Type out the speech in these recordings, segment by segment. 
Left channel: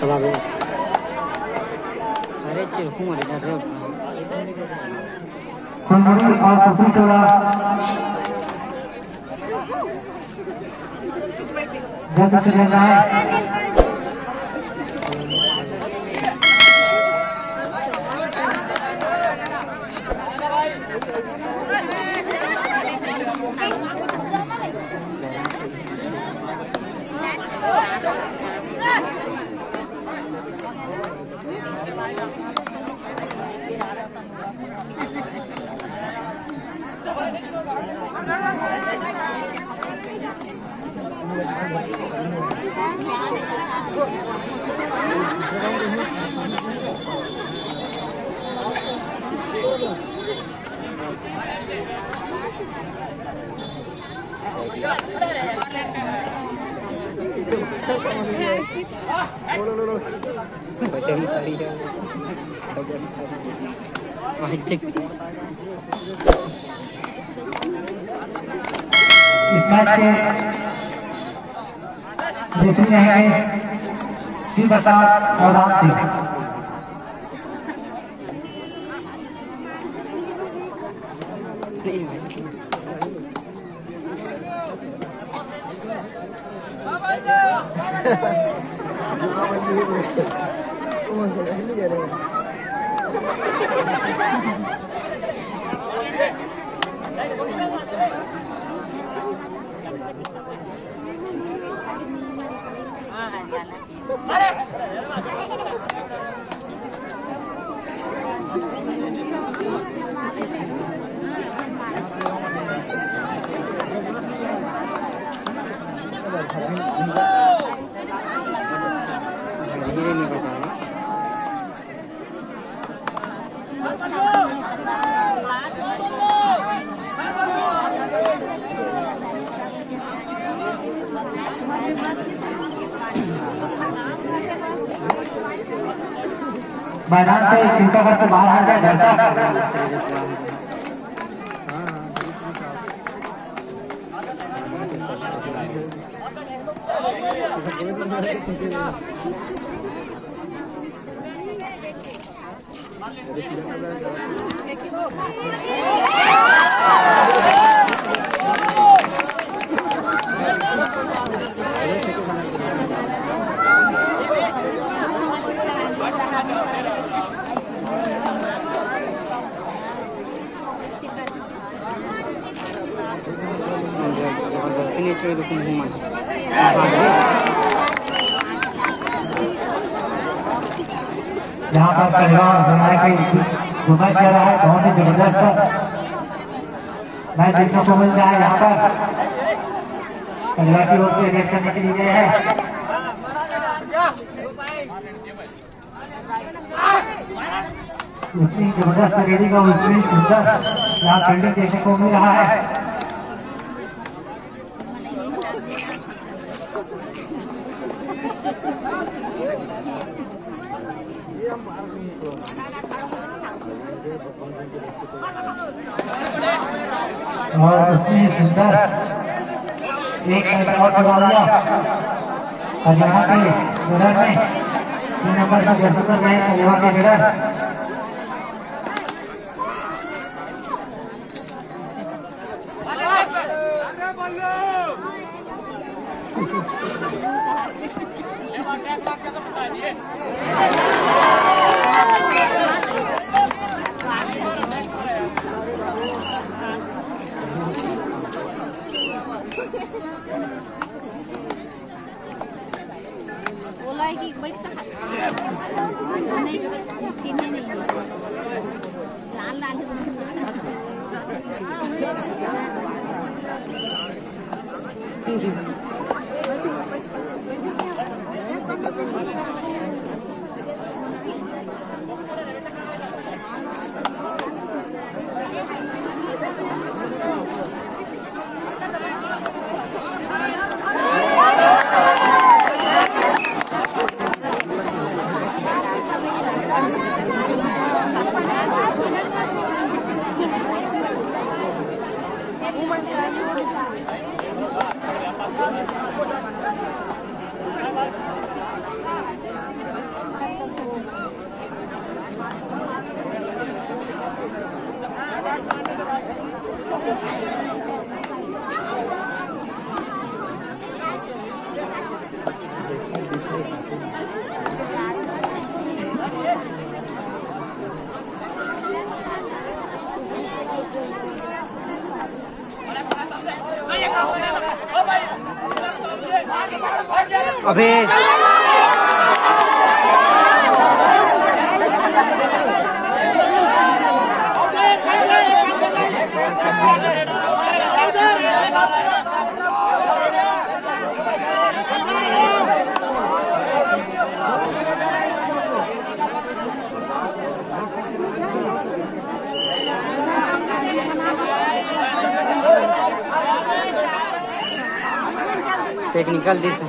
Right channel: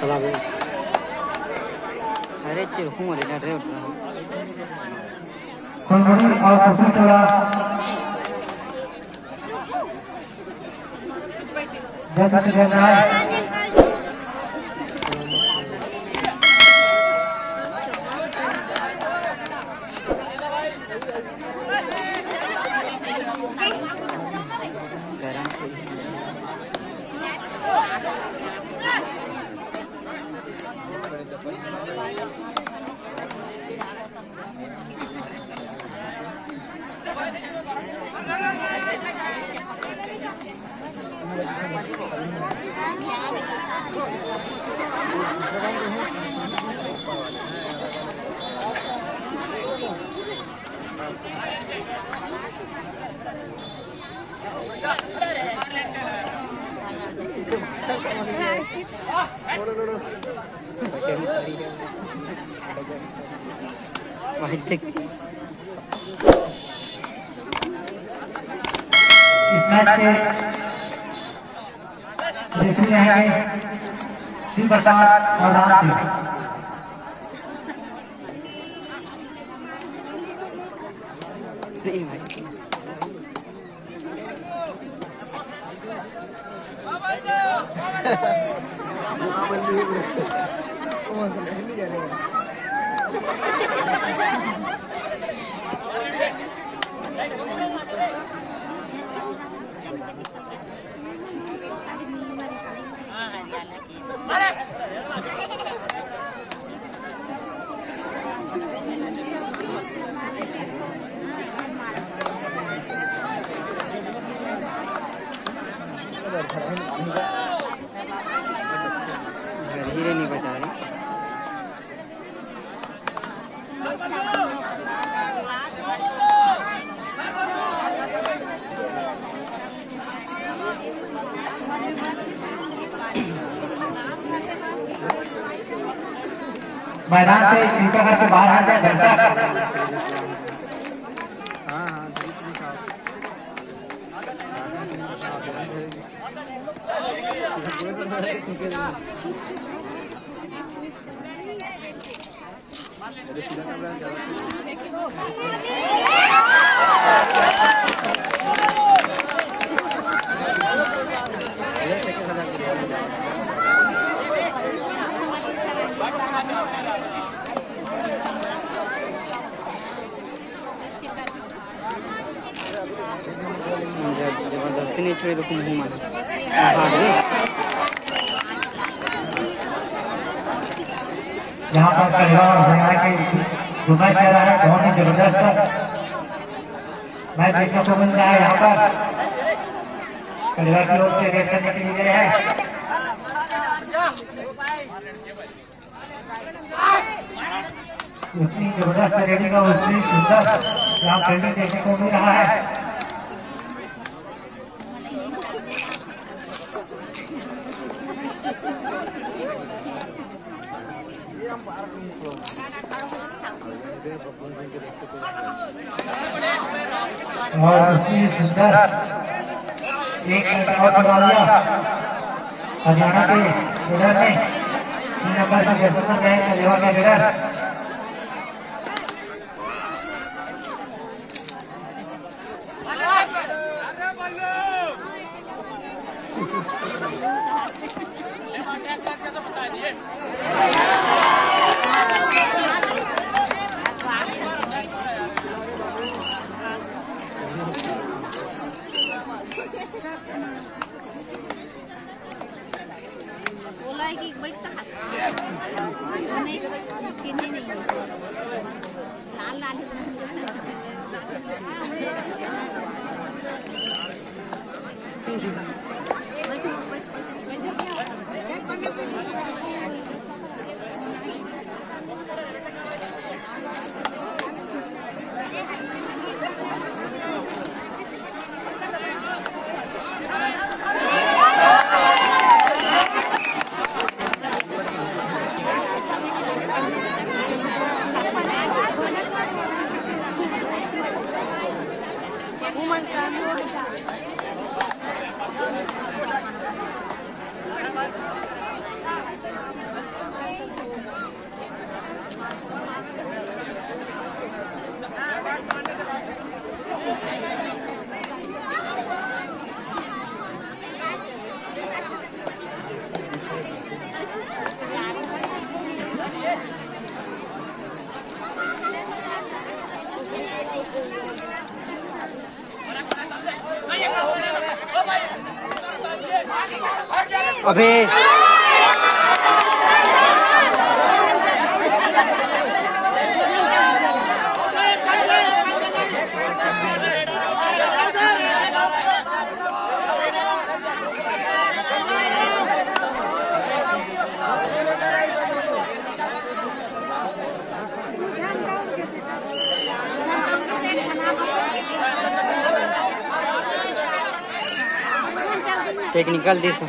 चला गया। अरे चिड़कू मर गया रे। संगठन और कुछ थोड़ा जैसा कि लेना है इस मैच से देखते रहेंगे शिव प्रसाद और राम सिंह। मैदान से कृपया करके बाहर आ जाए। यहाँ पर पहलवान हमारे के घुसाई कर रहा है, बहुत ही जबरदस्त मैच देखने को मिल रहा है। यहाँ पर कलवा की ओर से रेस करने के लिए गए हैं। इतनी जबरदस्त रेडिंग और इतनी सुंदर यहाँ फील्डिंग देखने को मिल रहा है। और इतनी सुंदर एक मिनट और बढ़ा दिया हरियाणा के लीडर ने 3 नंबर का जर्सी गए कलवा के लीडर। अबे टेक्निकल दिस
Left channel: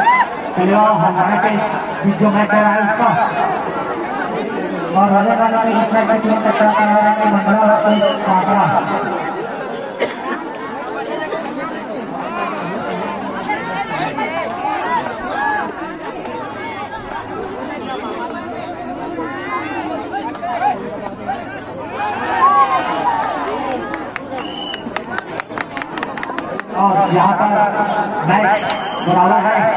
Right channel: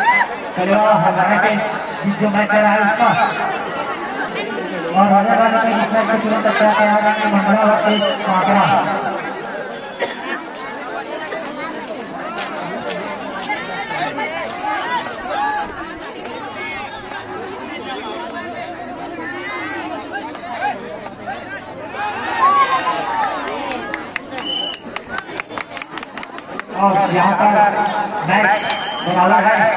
हमारे पे जो मैच है उसका और हरियाणा में इसमें मैं तुरंत मंडला आंकड़ा और यहाँ पर मैच बराबर है।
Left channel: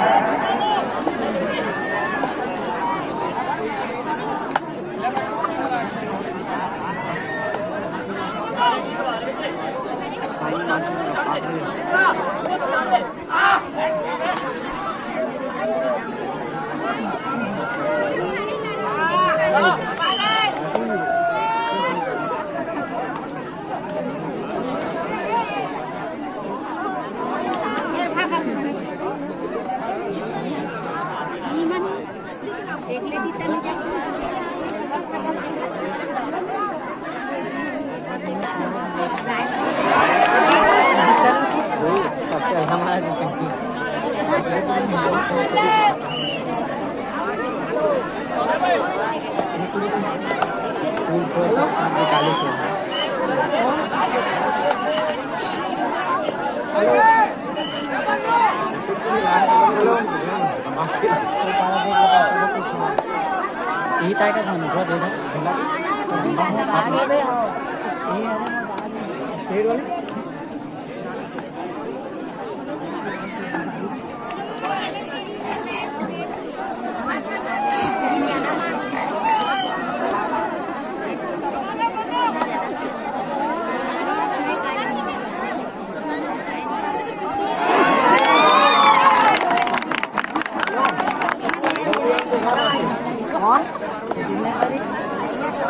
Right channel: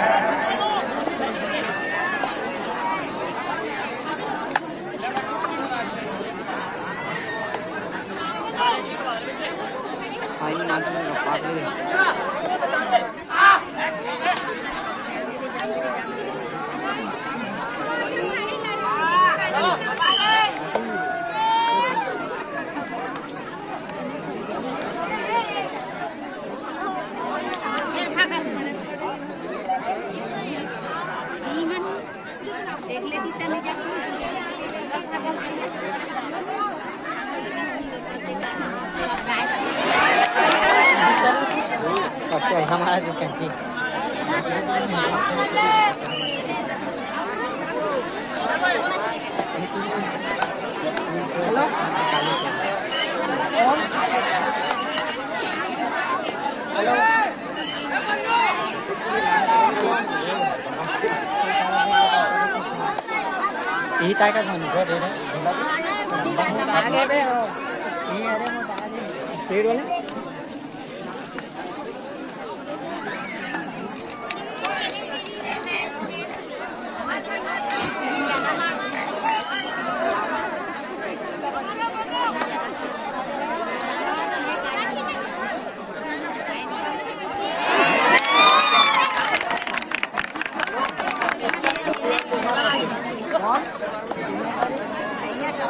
यही टाइप का खाने का दे रहा स्पीड वाले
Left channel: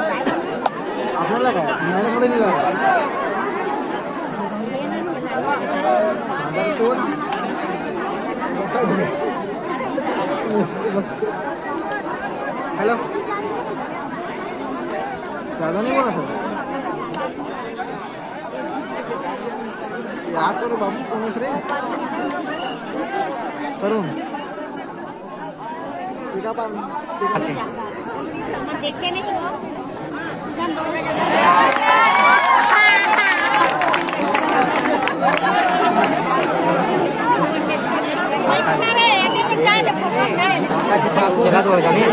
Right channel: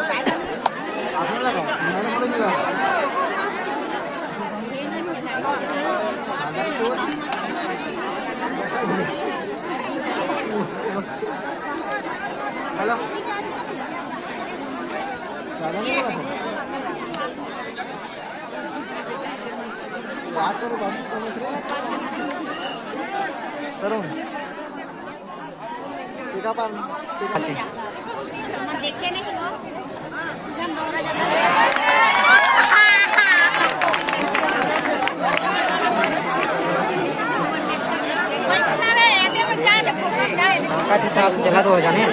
आपने लगाया मैंने थोड़ा नहीं लगाया चोर हेलो ज़्यादा नहीं बोला सर याद करो बाबू कौन रे तरुण देखते नहीं जगह तो हो जाने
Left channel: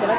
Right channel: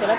चला